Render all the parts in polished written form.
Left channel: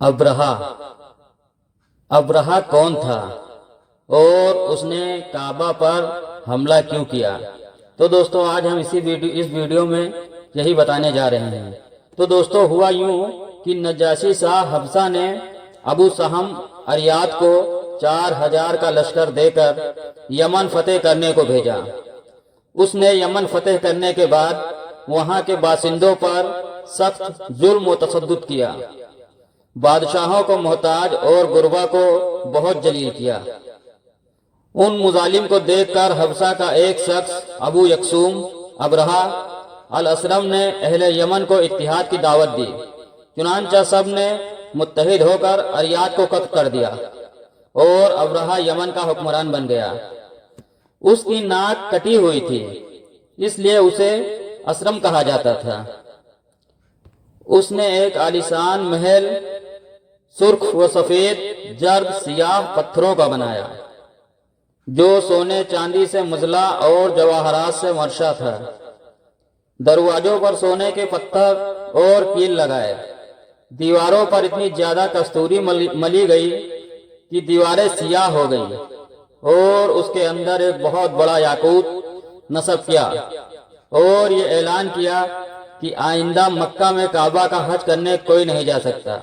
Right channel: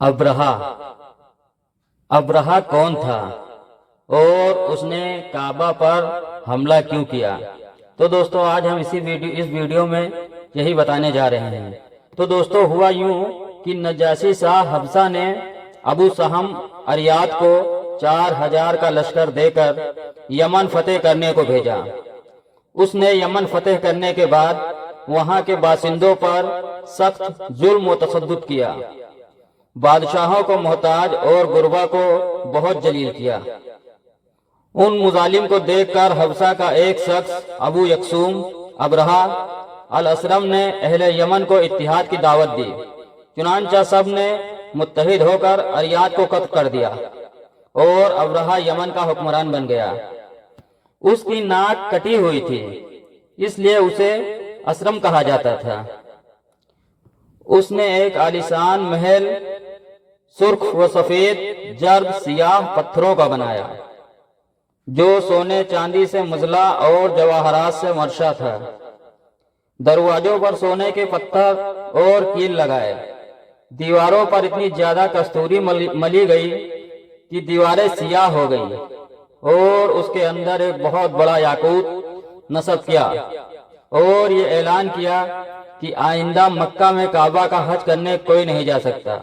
अब्रहा। अब्रहा कौन था और उसने काबा पर हमला क्यों किया? तो दोस्तों आज हम इस वीडियो में यही बताने जा रहे हैं। तो दोस्तों हुआ यूं कि नजाशी शाह हफ्सा ने अबू सहम अरियात को 4000 का लश्कर देकर यमन फतेह करने को भेजा। उसने यमन फतेह करने के बाद वहां के बासिंदों पर सख्त जुल्म व तशद्दुद किया। बादशाहों को मोहताज और गुरबा को बहुत जलील किया। उन मुजालिम को देखकर हफ्सा का एक शख्स अबू यकसूम अब्रहा अल असरम ने अहले यमन को इत्तिहाद की दावत दी। चुनांचा सब ने मुत्तहिद होकर अरियात को कत्ल कर दिया और अब्रहा यमन का हुक्मरान बन गया। उसकी नाक कटी हुई थी, इसलिए उसे असरम कहा जाता था। उसने एक आलीशान महल सुर्ख व सफेद जर्द सियाह पत्थरों का बनाया, जो सोने चांदी से मुजला और जवाहरात से मर्शा था। दरवाजों पर सोने के पत्थर और कील लगाए। दीवारों पर इतनी ज्यादा कस्तूरी मली गई कि दीवारें सियाह हो गई और उसके अंदर एक बहुत बड़ा याकूत नस्ब किया और ये ऐलान किया कि आइंदा मक्का में काबा का हज करने कोई नहीं जा सकता,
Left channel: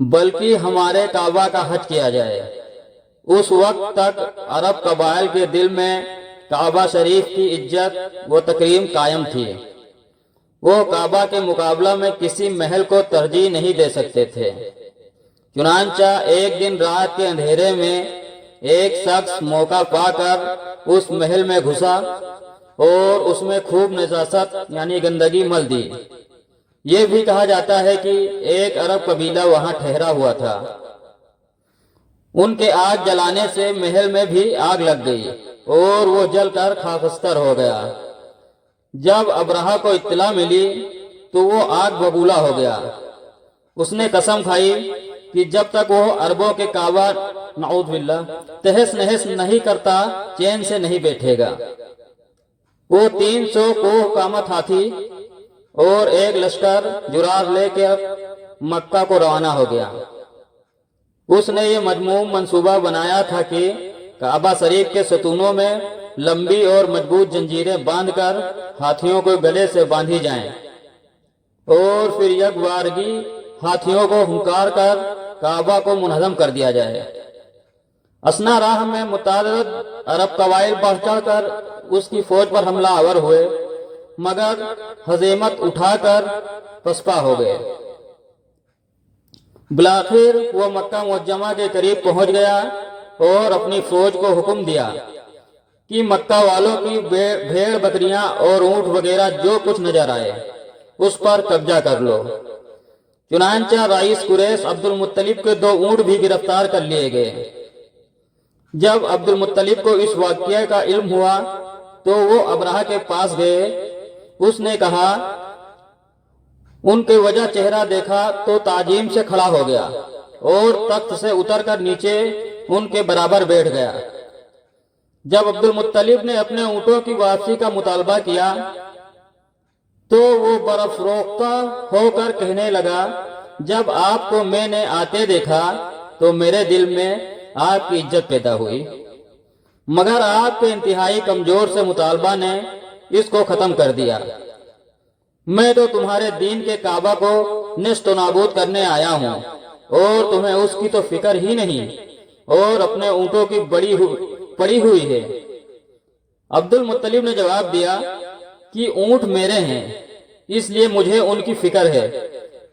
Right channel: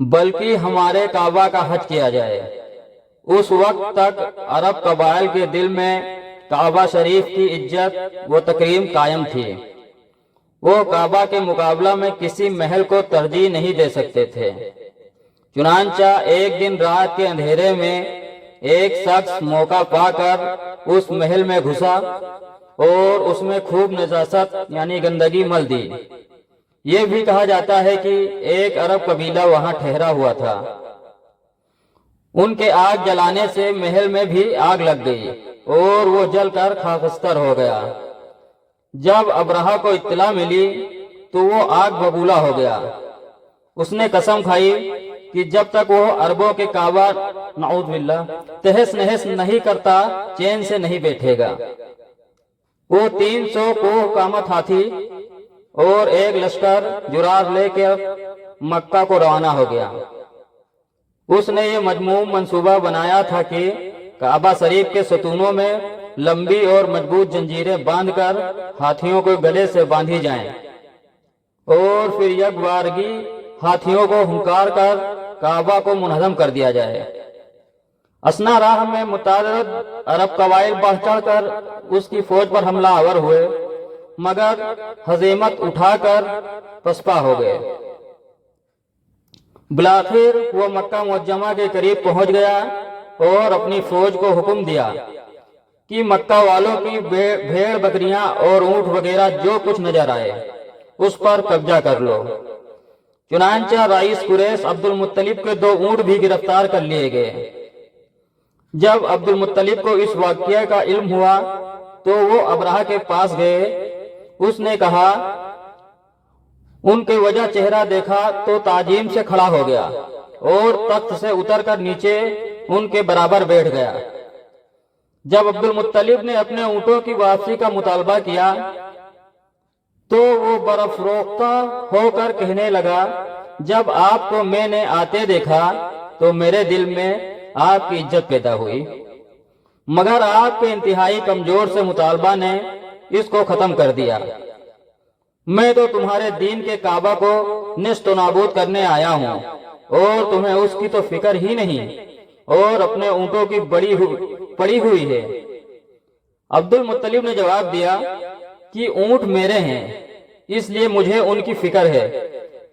बल्कि हमारे काबा का हज किया जाए। उस वक्त तक अरब कबाइल के दिल में काबा शरीफ की इज्जत व तकरीम कायम थी। वो काबा के मुकाबला में किसी महल को तरजीह नहीं दे सकते थे। चुनांचा एक दिन रात के अंधेरे में एक शख्स मौका पाकर उस महल में घुसा और उसमें खूब नजासत यानी गंदगी मल दी। ये भी कहा जाता है कि एक अरब कबीला वहां ठहरा हुआ था। उनके आग जलाने से महल में भी आग लग गई और वो जलकर खाकस्तर हो गया। जब अब्रहा को इत्तला मिली तो वो आग बबूला हो गया। उसने कसम खाई कि जब तक वो अरबों के काबा नऊज़ बिल्लाह तहस नहस नहीं करता चैन से नहीं बैठेगा। वो 300 कोह कामत हाथी और एक लश्कर जुरार लेकर मक्का को रवाना हो गया। उसने ये मजमूम मंसूबा बनाया था कि काबा शरीफ के सतूनों में लंबी और मजबूत जंजीरें बांधकर हाथियों को गले से बांधी जाएं और फिर यकबारगी हाथियों को हुंकार कर काबा को मुनहदम कर दिया जाए। असना राह में मुतारद अरब कबाइल बढ़ चढ़कर उसकी फौज पर हमला आवर हुए, मगर हज़ीमत उठाकर पसपा हो गए। बिलाखिर वो मक्का मुअज्जमा के करीब पहुंच गया और अपनी फौज को हुक्म दिया कि मक्का वालों की भेड़ बकरियां और ऊंट वगैरह जो कुछ नजर आए उस पर कब्जा कर लो। चुनांचा रईस कुरैश अब्दुल मुत्तलिब के 2 ऊंट भी गिरफ्तार कर लिए गए। जब अब्दुल मुत्तलिब को इस वाकये का इल्म हुआ तो वो अब्रहा के पास गए। उसने कहा, उनके वजह चेहरा देखा तो ताजीम से खड़ा हो गया और तख्त से उतरकर नीचे उनके बराबर बैठ गया। जब अब्दुल मुत्तलिब ने अपने ऊंटों की वापसी का मुतालबा किया तो वो बर्फरोख्ता होकर कहने लगा, जब आपको मैंने आते देखा तो मेरे दिल में आपकी इज्जत पैदा हुई, मगर आपके इंतहाई कमजोर से मुतालबा ने इसको खत्म कर दिया। मैं तो तुम्हारे दीन के काबा को नेस्त नाबूद करने आया हूँ और तुम्हें उसकी तो फिक्र ही नहीं और अपने ऊंटों की पड़ी हुई है। अब्दुल मुत्तलिब ने जवाब दिया कि ऊंट मेरे हैं, इसलिए मुझे उनकी फिक्र है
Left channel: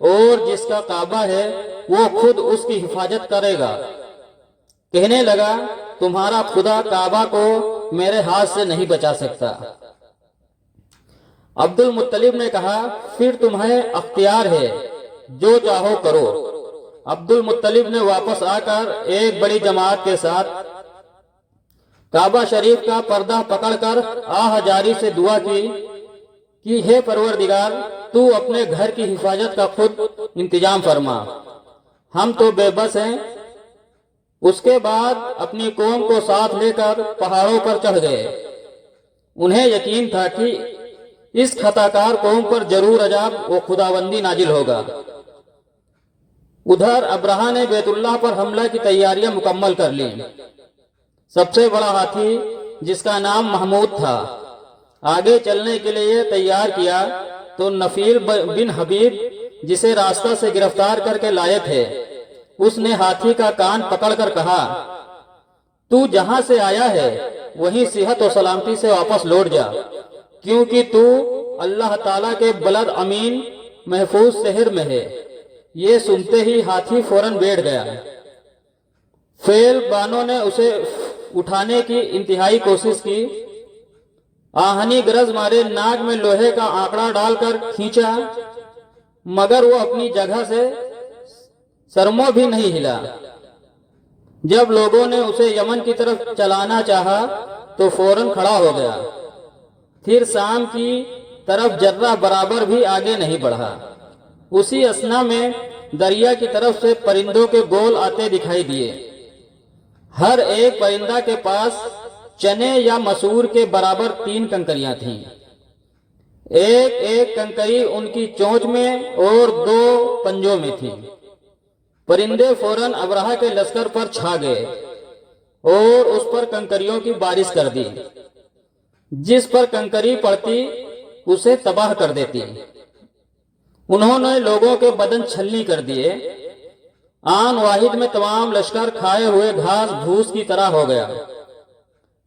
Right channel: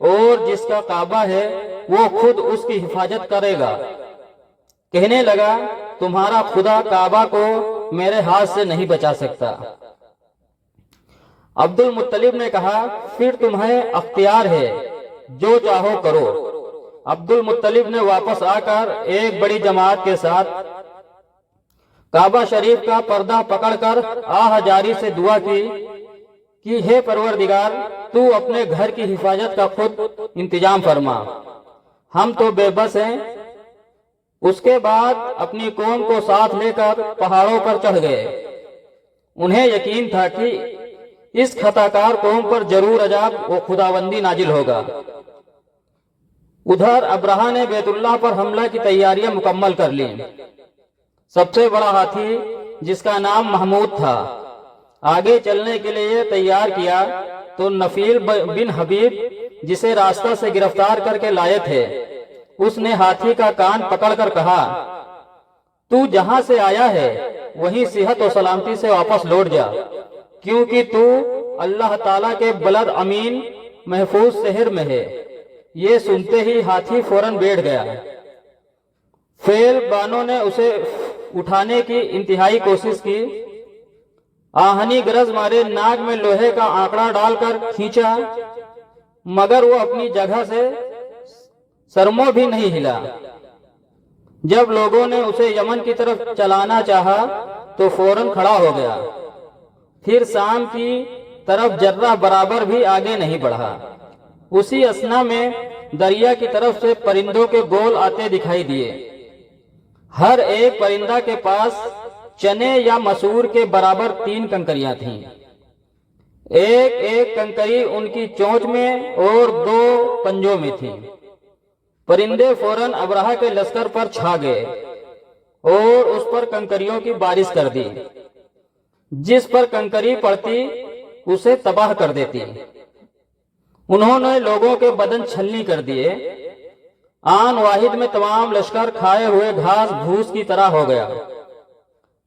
और जिसका काबा है वो खुद उसकी हिफाजत करेगा। कहने लगा, तुम्हारा खुदा काबा को मेरे हाथ से नहीं बचा सकता। अब्दुल मुत्तलिब ने कहा, फिर तुम्हें अख्तियार है, जो चाहो करो। अब्दुल मुत्तलिब ने वापस आकर एक बड़ी जमात के साथ काबा शरीफ का पर्दा पकड़कर आहजारी से दुआ की कि हे परवरदिगार, तू अपने घर की हिफाजत का खुद इंतजाम फरमा, हम तो बेबस हैं। उसके बाद अपनी कौम को साथ लेकर पहाड़ों पर चढ़ गए। उन्हें यकीन था कि इस खताकार कौम पर जरूर अजाब व खुदाबंदी नाजिल होगा। ادھر ابرہہ نے بیت اللہ پر حملہ کی تیاریاں مکمل کر لی۔ سب سے بڑا ہاتھی جس کا نام محمود تھا آگے چلنے کے لیے تیار کیا تو نفیل بن حبیب جسے راستہ سے گرفتار کر کے لائے تھے اس نے ہاتھی کا کان پکڑ کر کہا، تو جہاں سے آیا ہے وہیں صحت و سلامتی سے واپس لوٹ جا، کیونکہ تو اللہ تعالیٰ کے بلد امین محفوظ شہر میں ہے۔ یہ سنتے ہی ہاتھی فوراً بیٹھ گیا۔ فیل بانوں نے اسے اٹھانے کی انتہائی کوشش کی، آہنی گرز مارے ناک میں لوہے کا آنکڑا ڈال کر کھینچا، مگر وہ اپنی جگہ سے سرمو بھی نہیں ہلا۔ جب لوگوں نے اسے یمن کی طرف چلانا چاہا تو فوراً کھڑا ہو گیا، پھر شام کی طرف ذرہ برابر بھی آگے نہیں بڑھا۔ اسی اثنا میں دریا کی طرف سے پرندوں کے گول آتے دکھائی دیے۔ ہر ایک پرندہ کے پاس چنے یا مسور کے برابر 3 کنکریاں تھیں۔ ایک ایک کنکری ان کی چونچ میں اور 2 پنجوں میں تھی۔ پرندے فوراً ابرہہ کے لشکر پر چھا گئے اور اس پر کنکریوں کی بارش کر دی۔ جس پر کنکری پڑتی اسے تباہ کر دیتی۔ انہوں نے لوگوں کے بدن چھلنی کر دیے۔ آن واحد میں تمام لشکر کھائے ہوئے گھاس بھوس کی طرح ہو گیا۔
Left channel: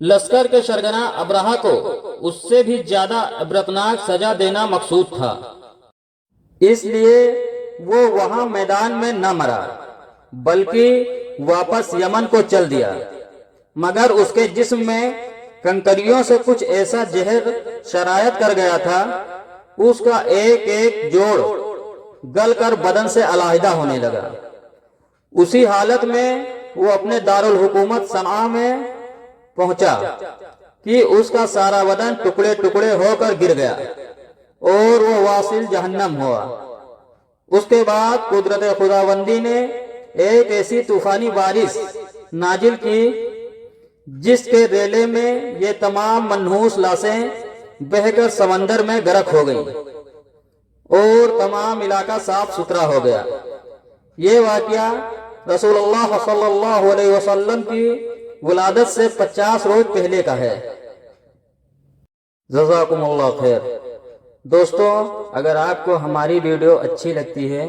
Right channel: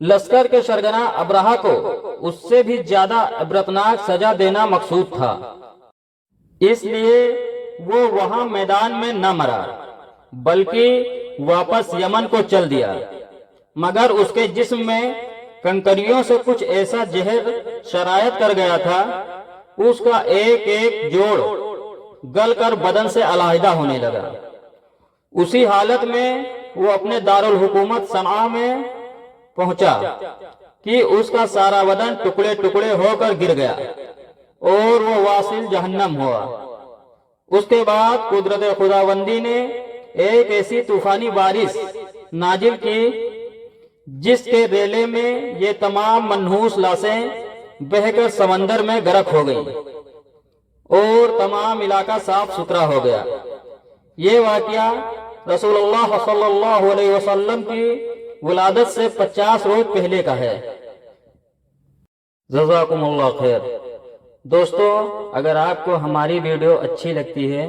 لشکر کے سرگنا ابرہہ کو اس سے بھی زیادہ عبرتناک سزا دینا مقصود تھا، اس لیے وہ وہاں میدان میں نہ مرا بلکہ واپس یمن کو چل دیا، مگر اس کے جسم میں کنکریوں سے کچھ ایسا زہر شرایت کر گیا تھا، اس کا ایک ایک جوڑ گل کر بدن سے علیحدہ ہونے لگا۔ اسی حالت میں وہ اپنے دارالحکومت صنعاء میں پہنچا کہ اس کا سارا بدن ٹکڑے ٹکڑے ہو کر گر گیا اور وہ واصل جہنم ہوا۔ اس کے بعد قدرت خداوندی نے ایک ایسی طوفانی بارش نازل کی جس کے ریلے میں یہ تمام منحوس لاشیں بہہ کر سمندر میں غرق ہو گئیں اور تمام علاقہ صاف ستھرا ہو گیا۔ یہ واقعہ رسول اللہ صلی اللہ علیہ وسلم کی ولادت سے 50 روز پہلے کا ہے۔ جزاکم اللہ خیر۔ دوستو، اگر آپ کو ہماری ویڈیو اچھی لگتی ہے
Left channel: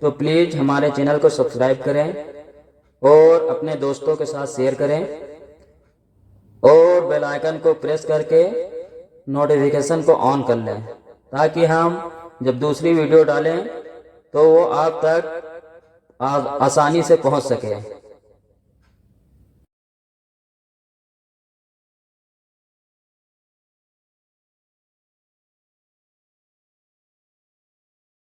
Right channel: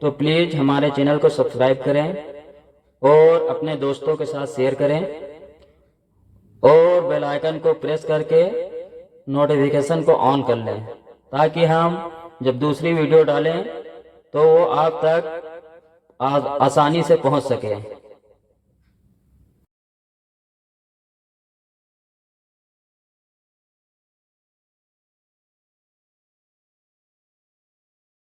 تو پلیز ہمارے چینل کو سبسکرائب کریں اور اپنے دوستوں کے ساتھ شیئر کریں اور بیل آئیکن کو پریس کر کے نوٹیفیکیشن کو آن کر لیں تاکہ ہم جب دوسری ویڈیو ڈالیں تو وہ آپ تک آسانی سے پہنچ سکے۔